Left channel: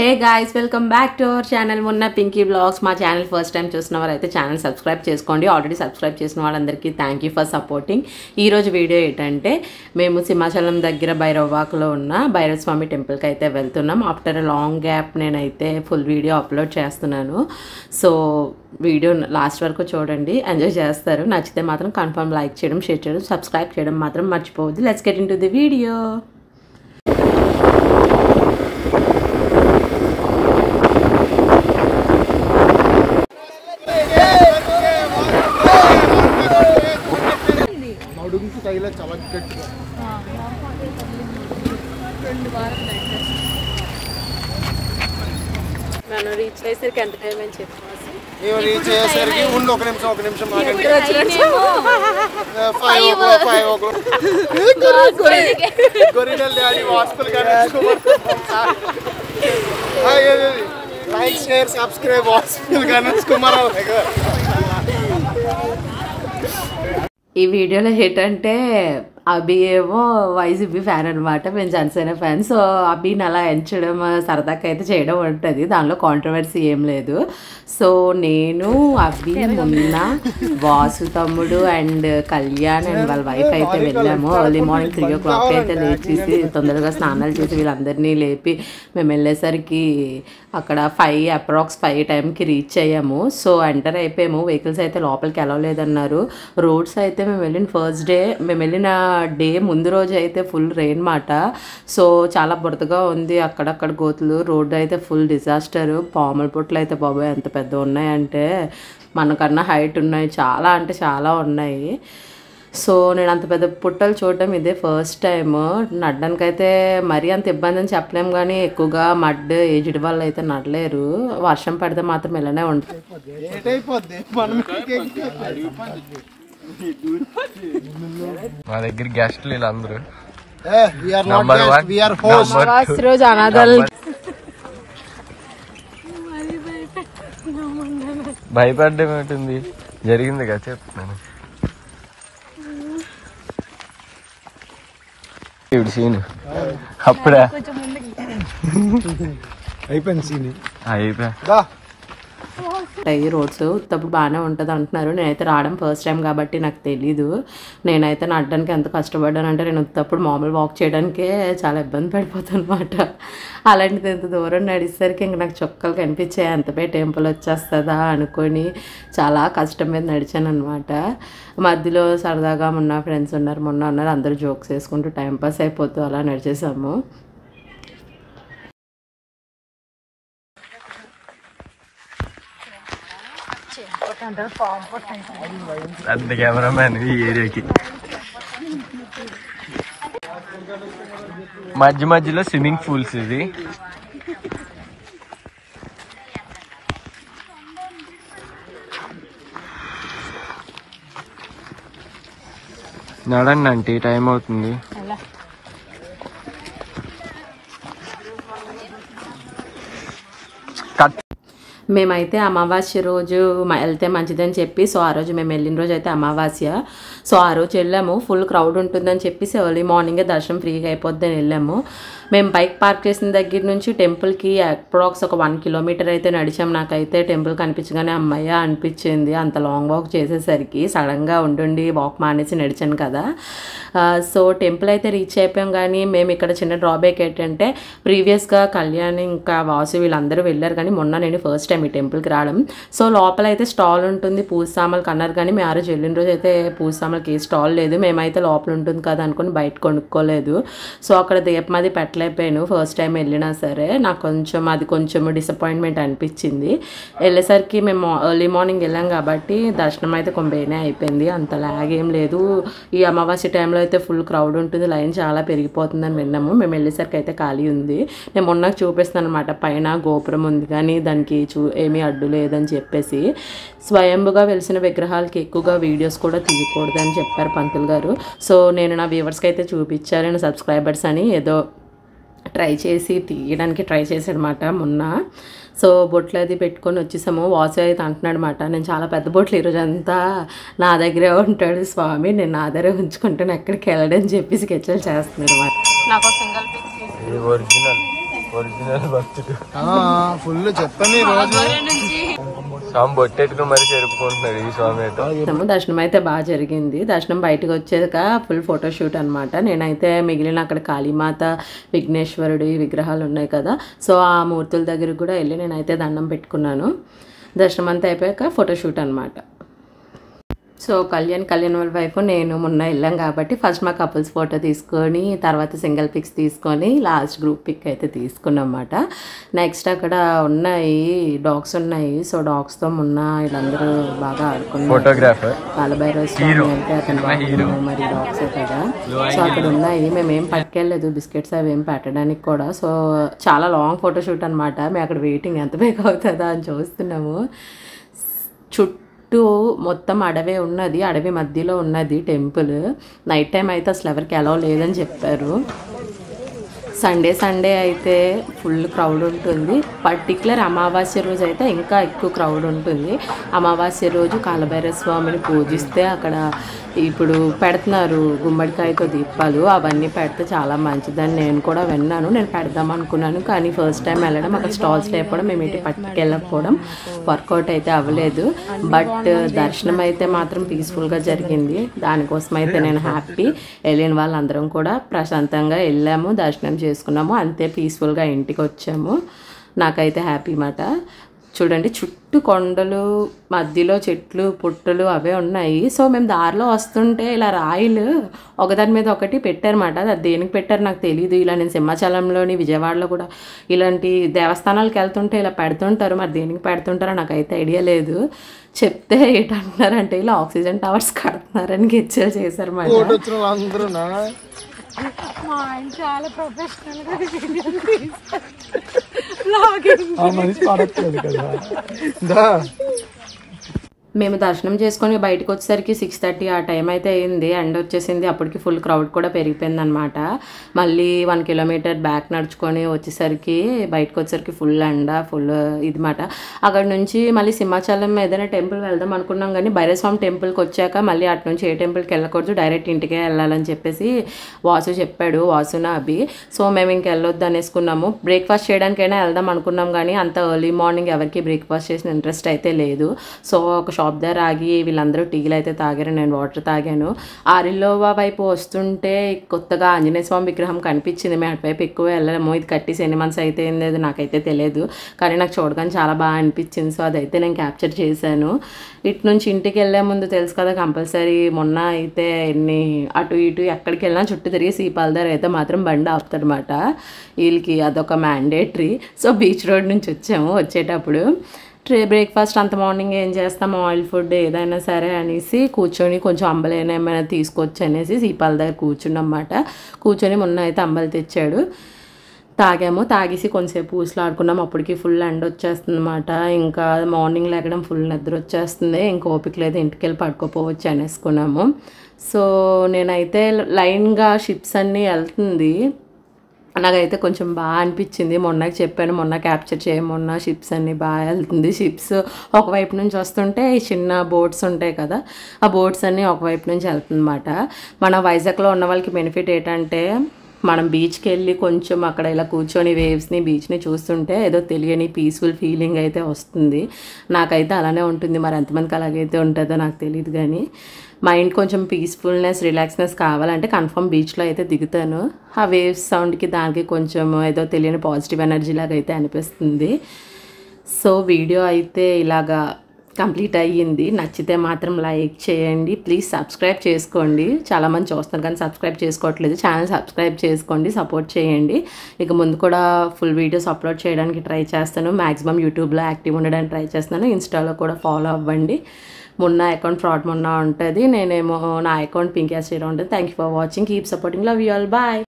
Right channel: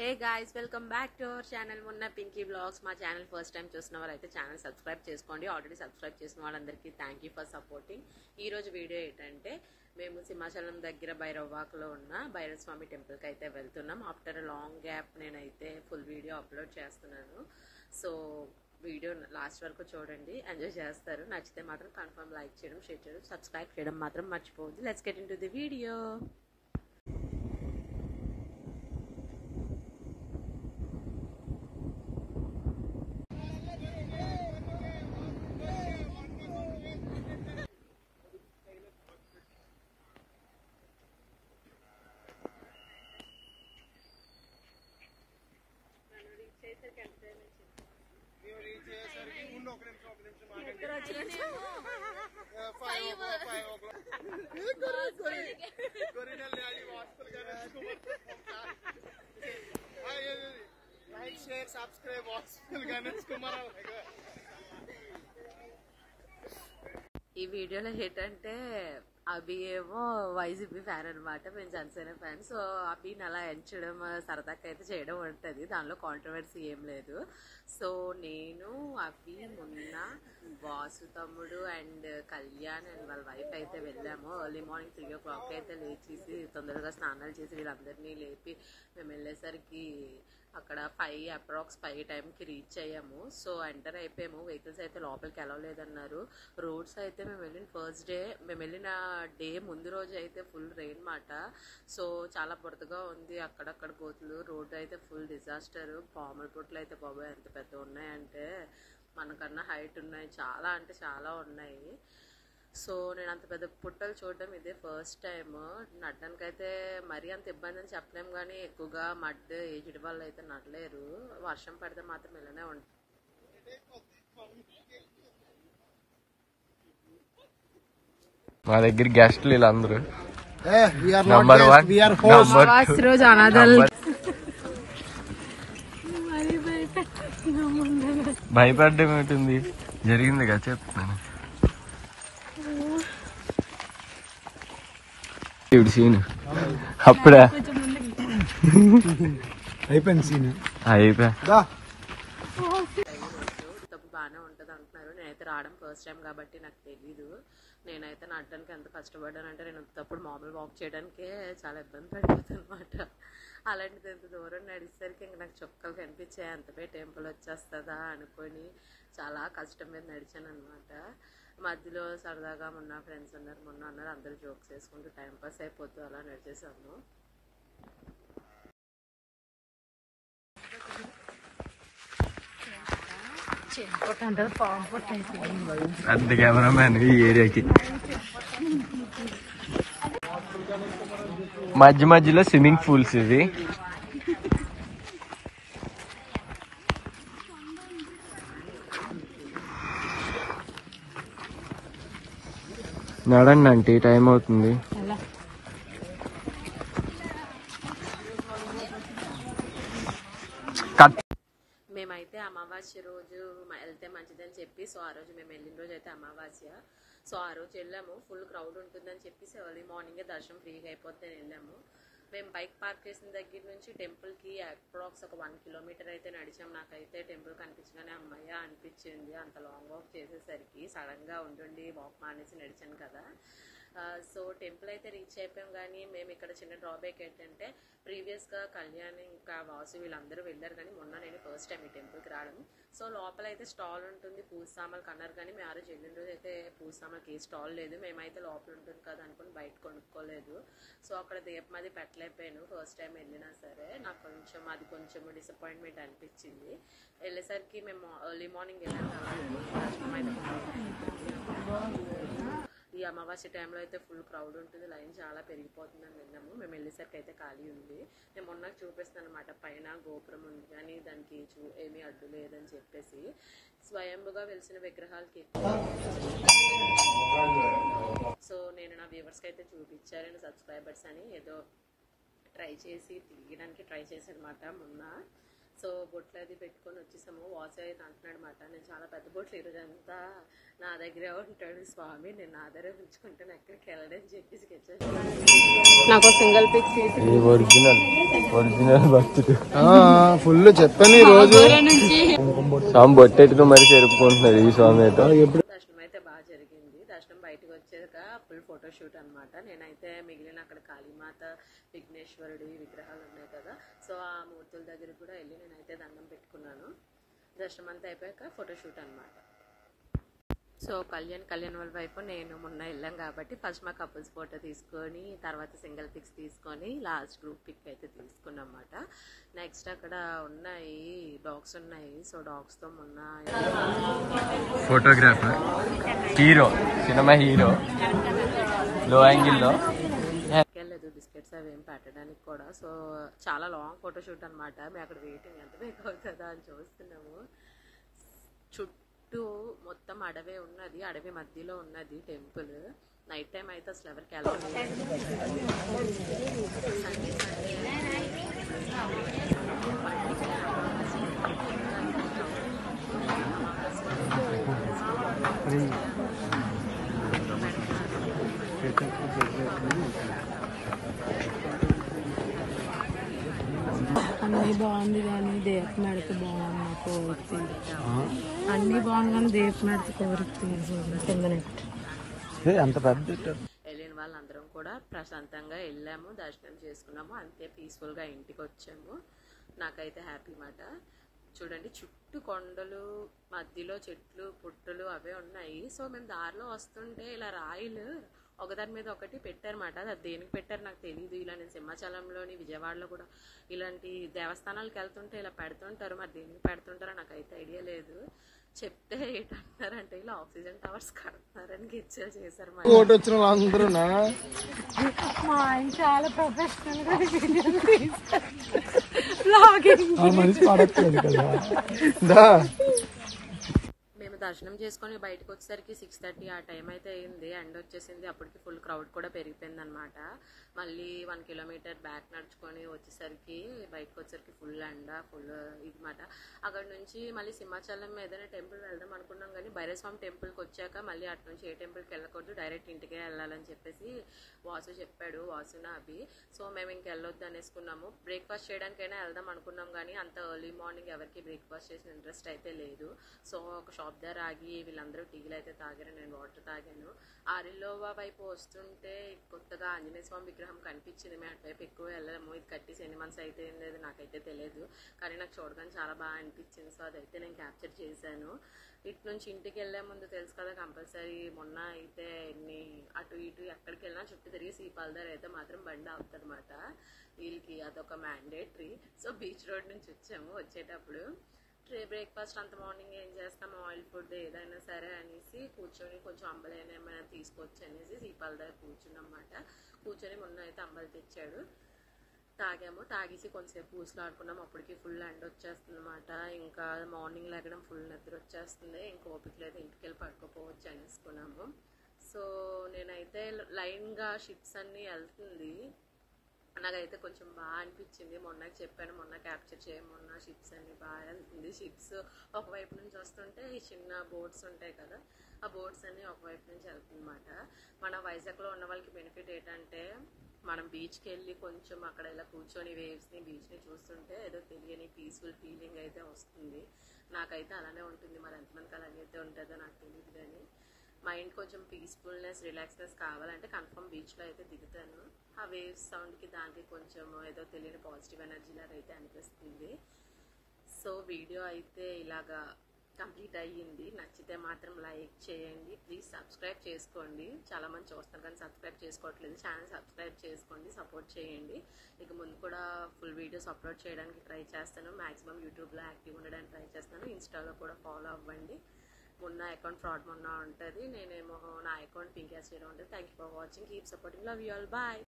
Hey guys, welcome back to our channel Munna Pinky Vlogs. మా channel first time చూస్తున్నవారైతే channel subscribe చేసుకోండి. Already subscribe చేసిన వాళ్ళందరికీ thank you for supporting. ఈరోజు video ఏంటంటే మేము సింహాచలం దగ్గర భైరవవాకలో ఉన్న భైరవ స్వామి టెంపుల్కి అయితే వెళ్తున్నాం. ఆఫ్టర్ లాంగ్ గ్యాప్ నేనైతే ఫుల్ వీడియో అప్లోడ్ చేస్తున్నాను. సో వీడియో లాస్ట్ వరకు చూడండి, ఎంజాయ్ చేస్తారు. నచ్చితే మాత్రం కన్ఫర్మ్ లైక్ చేయడం, షేర్ చేయడం, సబ్స్క్రైబ్ చేయడం మాత్రం మర్చిపోవద్దు. Let's get in to the video. మనం రీచ్ అయ్యేసరికి ఎంత టైం అని చెప్పాల్సి రీచ్ అయ్యేసరికి ఉండి ఒక నిమిషం గొరినల్ daddy hospital like share subscribe hospital Ganesh Kumar. ఈ వీడియోలో ఏంటంటే అభి ఏమో వైసీపీ ఫ్యాన్ అనమాట, మేము జనసేన ఫ్యాన్. సో అభిని అలా ఎంచడం సరదాగా అయితే చేయడం ఉంటుంది, దానిలో కాంట్రవర్సీ ఏం లేదు. సో నేను అభి మొన్న వాసు తమ్ముడు అండ్ కళ్యాణ్ అండ్ వాళ్ళ వైఫ్ అయితే వెళ్ళాము. ఎర్లీ మార్నింగ్ 3 o'clock అయితే లేచేసి తొందరగా స్నానాలు చేసి వీళ్ళందరినీ లేపి మేము వెళ్ళేసరికి అక్కడ అప్రాక్స్ 5 టైంకి రీచ్ అయ్యాము. సో ఎంటర్ అయిపోయాము. వెహికల్స్ అయితే లోపలికి అలౌ లేదన్నారు. రోడ్స్ అయితే మేము వెళ్ళిన డే ముందు రోజు అయితే ఫుల్ రెయిన్ మాట. సో చాలా బురదగా ఉంది, అక్కడక్కడ గోతులు, రోడ్డు అయితే ఫుల్ డిజాస్టర్. పాముల పుట్లు అయితే బాబాయ్ ఎంత పెద్ద ఉన్నాయంటే మనకన్నా హైట్ ఉన్నాయి, చాలా అంటే చాలా ఉన్నాయి. సో నేను అంత పెద్ద పుట్టలు చూడడం ఇదే ఫస్ట్ టైం. నడడానికైతే మరీ అంత ఇబ్బంది అని చెప్పలేము, కానీ ఎక్కువగా మడ్ ఏజ్డ్ వాళ్ళు అయితే నడలేరు. వర్షం పడితే మాత్రం ఇలానే ఉంటుంది. మా దగ్గర గెస్ట్లు వీళ్ళందరూ భయపడ్డం ఏంటుంది, జరిగింది కదా చెప్తున్నాను. ఇప్పుడు సీన్ అప్పుడే అయిపోయింది సీన్ అయిపోయా. ఈ రోడ్స్ ఉత్తప్పుడు బాగానే ఉంటుంది అంటున్నారు. నేనైతే రావడం ఫస్ట్ టైం కాబట్టి నాకు తెలీదు. నేనైతే నడడానికి ఎంత కష్టపడ్డానంటే నేను ఉత్తప్పుడు మామూలు వాక్ చేయడానికే చాలా ఇబ్బంది పడిపోతాను అనమాట. అలాంటిది ఎంత దూరం నడిచేసరికి ఇంక నాకు చొక్కలు కనిపించాయి, అంతపై టెంపుల్ వచ్చేస్తుందా అనుకొని చాలా కష్టం మీద నడిచాను అనమాట. మధ్యలో సరదాగా మొన్న ఫ్రెండ్స్ ఉన్నారు, అందరూ జోక్స్ వేసుకుంటూ టైంపాస్ అయిపోతూ అలా నడిచేసాము. పెద్ద కెమెరామ్యాన్ ఈ ఏరియాకి. మధ్యలో స్విమ్మింగ్ పూల్స్ ఇవి. నడండి అంటే టైం అవుతుంది. మేమైతే అమావాస్య రోజు వెళ్తే మంచిదని చెప్పి, సో ఆ రోజు మేము వెళ్ళిన రోజు అయితే అమావాస్య. సో ఆ రోజు వెళ్ళాము. ఫుల్ క్రౌడ్ ఉంటుందని చెప్పేసి ఎర్లీ మార్నింగే దర్శనం ఫ్రీగా అయిపోద్దని వెళ్ళాము. మేము బైక్ పార్క్ చేసిన దగ్గర నుంచి టెంపుల్కి అప్రాక్స్ ఒక 1 kilometer అయితే నడిచాం. నాకైతే టెంపుల్ కనిపించగానే అమ్మయ్య అనిపించింది. అంత లాంగ్ వాక్ చేసేసరికి సడన్గా ఉండి వాక్ మానేసి నడిచాను కదా. సో టెంపుల్ అయితే రీచ్ అయిపోయాం. కానీ మేము ఇక్కడ చిన్న డ్రాబ్యాక్ ఏంటంటే ప్రీవియస్గా కళ్యాణ్ ఇంకా వాసు వీళ్ళందరూ వెళ్ళారు, కానీ మొన్న నేను ఫస్ట్ టైం ఈ టెంపుల్కి రావడం. సో లోపల అయితే స్టాల్ ఉంటుంది, పూజ సామాన్లు అన్నారు, కానీ మేము ఆ రోజు వెళ్ళిన రోజు అయితే పూజ సామాన్లకి ఏ స్టాల్ లేదు. మేమైతే లోపల ఉంటుంది కదా అనుకుని బయట కొనుక్కోలేదు. సో అక్కడ దీపం అది పెట్టలేకపోయాను ఫస్ట్ టైం వెళ్ళినా సరే. నాకు కొంచెం డిసప్పాయింట్మెంట్ అనిపించింది. వెళ్ళేసరికి మేము ఎర్లీ మార్నింగ్ వెళ్ళాం కాబట్టి దర్శనం అయితే కొంబేనే అయిపోయింది, అంత లాగ్ ఏం లేదు. ఈ అమావాస్య టైంలో అయితే ఫుల్ క్రౌడ్ ఉంటుంది, లైన్ చాలా పెరిగిపోతుందని విన్నాము. మేము వెళ్ళేసరికి అయితే ఖాళీ ఉంది. నేను మొన్న చూపిస్తాను అనమాట, పైన గోపురం ఉంది కానీ దానికి ఏమీ అడ్డు లేదని చెప్పేసి. స్వయంభుగా వెలిసిన విగ్రహాలకి ఎక్కువగా వీడియోస్ కూడా తీయకూడదని చెప్పారు పంతులు గారు. సో నేను నా వ్యూవర్స్కి అయితే చూపించాను, నేను సబ్స్క్రైబర్స్ అని ఏదో తీయడానికి ట్రై చేశాడనమాట మొన్న. సో బొట్లు అది పెట్టుకొని వచ్చేసాము. వాసు అయితే అంటున్నాడు అనమాట, నేను చాలా పెద్ద బొట్లు ఈరోజు అంతా నా దగ్గరే ఉంటాడు స్వామి, నేను నా దగ్గరే ఉంచుకుంటాను, ఎక్కడికి వెళ్ళడని చెప్పి స్కెచ్లు చేస్తున్నాడు అనమాట. నాకు సింగిల్ పిక్ తీసి ఫుల్ చెప్పాను ఈ రోజు. స్వామి బొట్టెట్టుకు మరి జరుపుకుంటున్నాడు ఈ స్వామి అయితే. దర్శనం అయితే బాగా జరిగింది. దర్శనం బయటకు వచ్చాక ఫుల్ ఫోటోషూట్ అనమాట. నేనైతే మిగిలిన అక్కడ కాళీమాత, విఘ్నేశ్వరుడి విగ్రహాలు ఉన్నాయి కదా, సో ఆ మూర్తుల దగ్గరికి కూడా వెళ్ళి నేనైతే దండం పెట్టుకున్నాను. దర్శనం అంతా అయిపోయాక ఫోటోషూట్ అనమాట. సో కళ్యాణ్ వాళ్ళ వైఫ్ నేను మొన్న వెళ్ళాం కాబట్టి ఫస్ట్ మా కపుల్స్ ఫోటో తీసుకొని తర్వాత సింగిల్ పిక్స్ తీసుకొని లాస్ట్ గ్రూప్ పిక్ అయితే తీసుకున్నాం అన్నమాట. నెక్స్ట్ అక్కడ ఉన్నాయి డాగ్స్ ఉన్నాయి. సో డాగ్స్తో మొన్న వీళ్ళందరూ బాగా ఆడుకున్నారు. ఫోటోగ్రాఫర్ ఉన్నాయి. మేమేం పట్టుకెళ్ళలేదు బిస్కెట్స్ అవి ఏం పెట్టడానికి కూడా. సో చాలా లాంగ్ ఫోటోషూట్ అనమాట. మేము అక్కడ వెయిటింగ్ ఎంత బేక్ అవుతుందా అని చూస్తున్నాము. చుట్టూ మొత్తం అడవి ఉన్నది, అడవి మధ్యలో ఉన్నది టెంపుల్. నైట్ టైం అయితే అసలు ఎవరికి అలౌ లేదని చెప్పారు. సండే అయితే ఫుల్ క్రౌడ్ ఉంటుంది. పర్టికులర్ అమావాస్య రోజు అయితే ఇంకా ఎక్కువ క్రౌడ్ ఉంటుంది. అమావాస్య రోజు కాలభైరవ స్వామిని పూజిస్తే అక్కడ ఇప్పుడు పెడుతున్నారు గుమ్మడికాయతో దీపాలు, అవన్నీ పెడితే చాలా మంచిదని నేను కూడా విన్నాను. నేను పెడదాం అనుకున్నాను కానీ ఫస్ట్ టైం వెళ్ళడం అక్కడ స్టాల్స్ లేకపోవడం మేము ఇటు పట్టుకెళ్ళకపోవడం వర్కౌట్ అయితే అవ్వలేదు. బట్ దర్శనం అయితే మాత్రం పీస్ఫుల్గా జరిగింది. దానికోసం అయితే నేను హ్యాపీ. వెళ్ళిన వాళ్ళందరం కూడా ప్రశాంతంగా వెళ్ళాము, దర్శనం చేసుకున్నాము, అంతే పీస్ఫుల్గా ఇంటికి వచ్చాము. నాకైతే హ్యాపీ మాట. చూడండి చుట్టూ కొండలు, మధ్యలో చెట్లు పుట్టలు అవే ఉన్నాయి. సో మేము దారిలో వస్తుంటే ఇలా రాయిలు ఒకదాని మీద ఒకటి పెట్టారన్నమాట. అది దేనికి పెట్టారు నాకు తెలియదు. ఇలా నేను సింహాచలంలోని విజయవాడలో కూడా ఇలాంటి దేవస్థానాలకు వెళ్తుంటే ఇలా పెడుతుంటారు. మరి దేనికి పెడుతుంటారో నాకైతే ఐడియా లేదు. చెప్తే ఏంటంటున్నారంటే ఇలా ఆక్సిజన్ టవర్స్ కడుతున్నారని గెచ్చలు చేశారు. మా ఆయన చాలా ప్రొఫెషనల్ గా మేము దర్శనం చేసుకొని బయటకు వచ్చేసరికి 6:30 ఆ టైం అయితే అయింది. ఎండ వచ్చేసింది. అప్పటికి ఫుల్ క్రౌడ్ కూడా పెరిగిపోయింది అనమాట. మళ్ళీ 1 కిలోమీటర్ బ్యాక్ నడుచుకొని వచ్చేసరికి బయటకు వచ్చేసరికి ఫుల్ ఎండ, ఫుల్ ఇది మాట. అక్కడ నుంచి మళ్ళీ సింహాచలం ఏదైనా టెంపుల్ వెళ్దాం అనుకున్నాం కానీ భైరవస్వామి టెంపుల్కి వచ్చాక మళ్ళీ అటు నుంచి ఏ టెంపుల్కి వెళ్ళకూడదు, డైరెక్ట్ ఇంటికే వెళ్ళాలని చెప్పేసి వాసు చెప్పాడు, వాసున అభి. సో మేము ఇంక వెళ్ళొద్దు అనేసుకున్నాము. బ్రేక్ఫాస్ట్ చేయడానికైనా వెళ్దాం అనుకున్నాం కానీ అంత ఎర్లీ మార్నింగ్ ఎవరికి బ్రేక్ఫాస్ట్ చేసిన ఇంట్రెస్ట్ అయితే లేదు. సో ఒక షాప్ దగ్గర ఆగి వీళ్ళందరూ టీలు అయితే తాగారు, నేను వాటర్ తాగాను. ఆరిల్లోవా వైపు వస్తుంటే కొత్తగా ఆంజనేయ స్వామి విగ్రహం కనిపించింది. మేము అటువైపు ఎక్కువ వెళ్ళలేము. ఇది కట్టేసి ఎన్ని మంత్స్ అయితే ఏంది నాకైతే తెలియదు కానీ నాకు చూడగానే చాలా బాగా అనిపించింది. సో అదైతే నేను క్యాప్చర్ చేశాను. ఇటు నుంచి ఇంటికి వెళ్ళే ముందు తెలుసు కదా కంపల్సరీ మొన్న అయితే ఎన్ని అటు ఇటు ఎక్కడికి వెళ్ళినా చుట్టూ తిరిగి సీపాల దగ్గర అయితే మాత్రం బండి ఆపుతాడనమాట. వీళ్ళకి అదొక మ్యాండేటరీ. సో బీచ్ రోడ్ నుంచి వచ్చాము. వచ్చేటప్పుడు బ్రేక్ఫాస్ట్ అంత మార్నింగ్ ఏం చేస్తాం, ఆయిల్ ఫుడ్ ఏదైనా సరే అనేసి కూర్చొని కొంచెం అంబలైనా ఏమైనా తీసుకొచ్చి అనేసి సీపాల దగ్గర కూర్చున్నమాట. కూర్చొని మొన్న అయితే అంబలు తెచ్చాడు, తాగాము. తాగేసి కొంచెంసేపు పూసలాడుకున్నాము. అప్పటికి ఫుల్ ఎండ వచ్చేస్తుంది అనమాట. ఇంకా మార్నింగ్ లేకడం ఫుల్ నిద్ర వచ్చేస్తుంది. ఇంకా ఓపిక లేదు, ఇంటికి వెళ్ళి పడుకోపోవచ్చు అనేసుకున్నాము. సో నేనైతే లైన్గా షిప్స్ అన్నీ వెళ్తుంది. నాకైతే కొంచెం బాగా అనిపించింది. మొన్నకి చెప్పాను, మొన్న క్యాప్చర్ మొన్న షిప్స్ అన్నీ బాగా వెళ్తుంది. షిప్స్ ఒకవైపు నుంచి వస్తుంటే చిన్న బోట్స్ ఉంటాయి కదా, ఆ బోట్స్ అన్నీ ఒకవైపు నుంచి వెళ్తుందన్నమాట. మన వైజాగ్లో ఉన్న వాళ్ళకి బెనిఫిట్ ఏంటంటే మనం బీచ్కి వెళ్ళి కొంచెం అక్కడ ఇలా కూర్చొని వేవ్స్ని బీచ్ని చూస్తుంటే ఏదో తెలియని పీస్ఫుల్ ఫీలింగ్ అయితే వస్తుంది. నాకైతే అలానే ఉంటుంది. మరి ఎంతమందికి అలాగైతే ఉంటుందో నాకు తెలియదు కానీ మైండ్ కొంచెం పీస్ఫుల్నెస్, రిలాక్స్నెస్ కావాలంటే కన్ఫర్మ్ బీచ్లో అయితే దిగుతాను. ఆ వేవ్స్ సౌండ్కి దానికి కొంచెం ఏదో తెలియని పాజిటివ్ ఎనర్జీ లాగా అయితే అనిపిస్తుంది. సో వీడియో అయితే ఇలాగా కంప్లీట్ అయ్యింది. నచ్చితే మాత్రం లైక్ చేయండి, ప్లీజ్ సబ్స్క్రైబ్ చేసుకోండి. చాలామంది చూస్తారు కానీ సబ్స్క్రైబ్ చేసుకోవట్లేదు. ఛానల్ సబ్స్క్రైబ్ చేసుకోండి, సపోర్ట్ చేయండి. ఇక ముందు కూడా ఫుల్ వీడియోస్ అప్లోడ్ చేయడానికి ట్రై చేస్తాను. మ్యాక్సిమం యూట్యూబ్లో యాక్టివ్ ఉండడానికి ట్రై చేస్తున్నాను. ఇన్స్టాలో కూడా ఫాలో అవ్వండి. మొన్న అకౌంట్ ఫ్రాడ్ మొన్న ఉంటుంది, నేనేమో నా అకౌంట్ పింకీ శ్రీరామ్ ఉంటుంది. Thank you for watching, keep supporting, love you all, bye.